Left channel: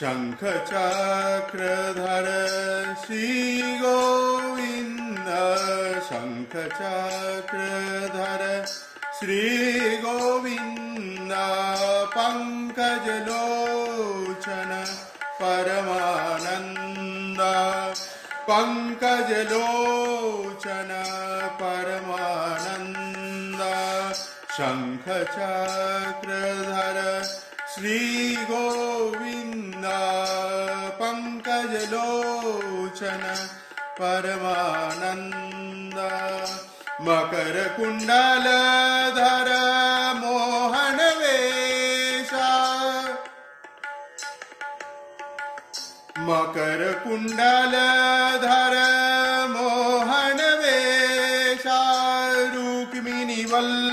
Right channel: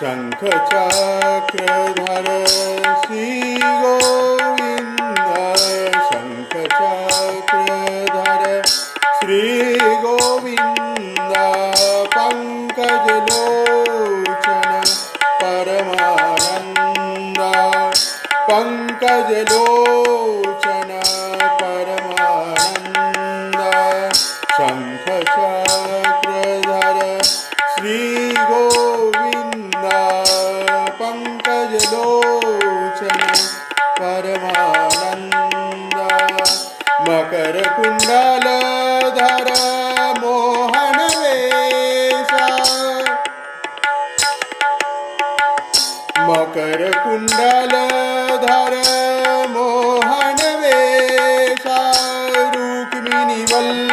शंख चक्रधर श्री गोविंद शंख चक्रधर श्री गोविंद पंकजलोचन परमानंद पंकजलोचन परमानंद शंख चक्रधर श्री गोविंद पंकजलोचन परमानंद मकर कुंडलधर मोहन वेशा मकर कुंडलधर मोहन वेशा रुक्मिणी वल्लभ